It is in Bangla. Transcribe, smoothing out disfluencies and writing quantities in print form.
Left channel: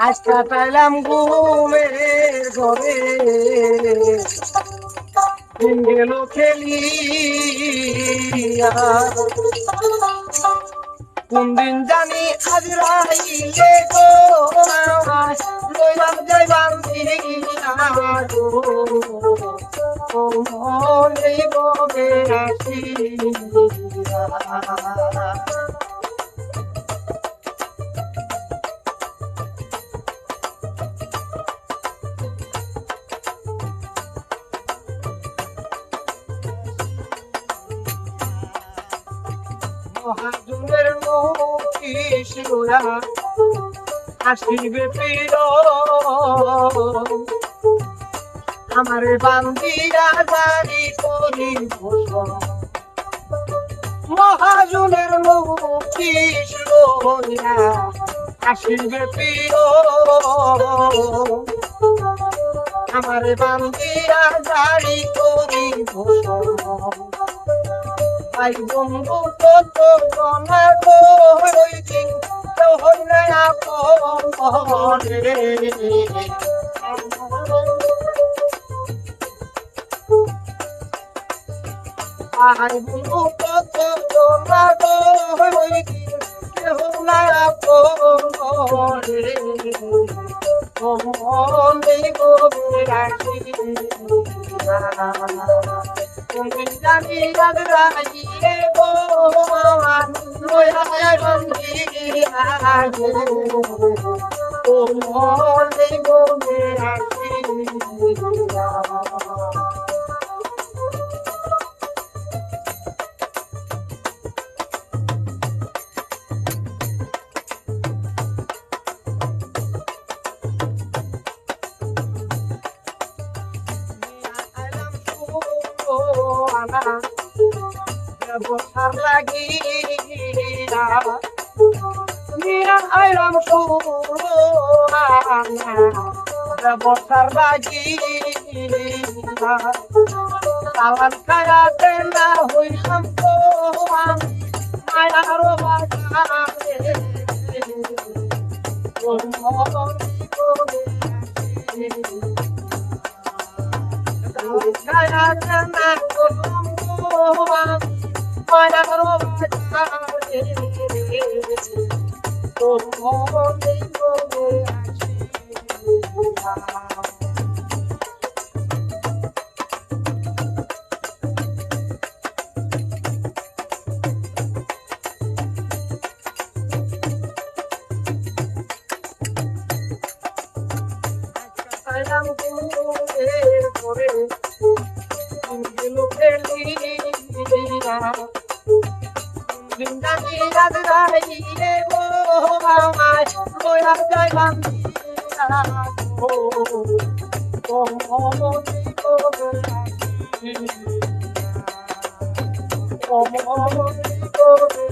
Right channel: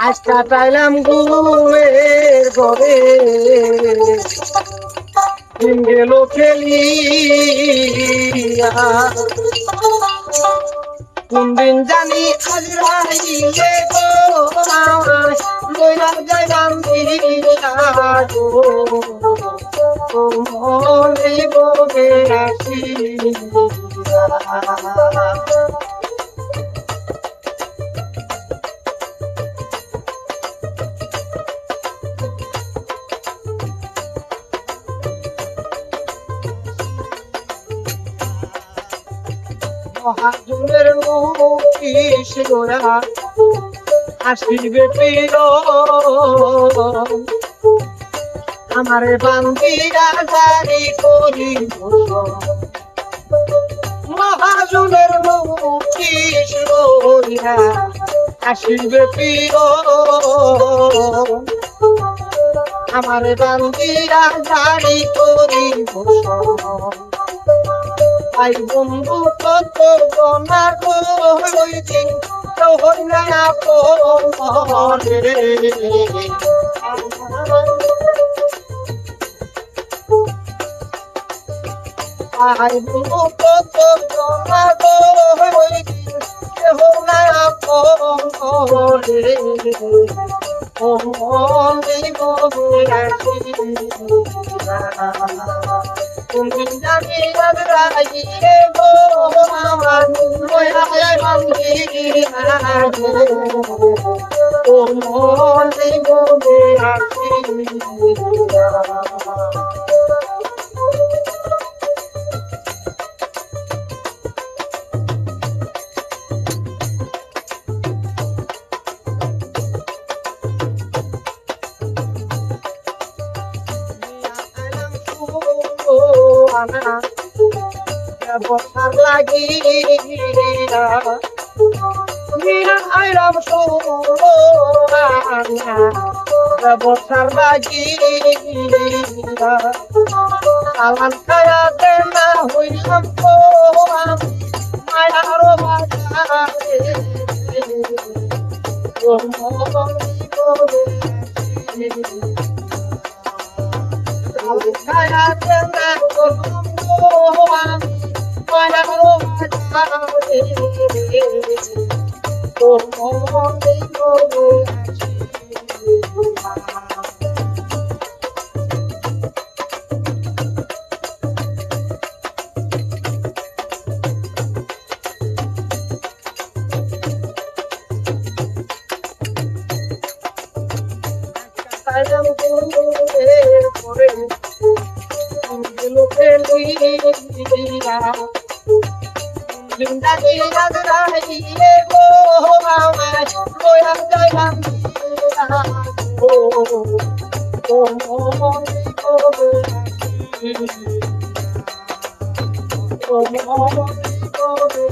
আজ কাটাইলাম ঘুমের ঘরে দিন গেল খেলিয়া কোন দিন জানি আজ রাইলে গো আমায় লইয়া যাইবাম দিয়া গো মনে ববে আসিয়া মহাজনের মুখিস গোরা আসিবে পীর আমারে বান্দিরা জারি করি মহাজনের মুখিস গোরা আসিবে পীর আমারে বান্দিরা জারি করি আই বন্ধু কত গনা গো হইদিন হই না আপরে আই বন্ধু কত গনা গো হইদিন হই না আপরে ও মনে গো রাখি তুমি জানি রাগিয়ে গো আমার লইয়া যাইবাম দিয়া গো ও মনে গো আসিয়া বসার লাগিয়া মিয়া আইলাম সোনা বসার লাগিয়া সালান খায়া দে না হইলাম তো মায়ার বাজারে তোর মন করে খায়া দে না হইলাম তো মায়ার বাজারে তোর মন করে সাইলাম ঘুমের ঘরে গেল খেলিয়া জিন্দাগি রাত রাইলে গো আমায় লইয়া যাইবাম দিয়া গো ও মনে করে আসিয়া ও মনে করে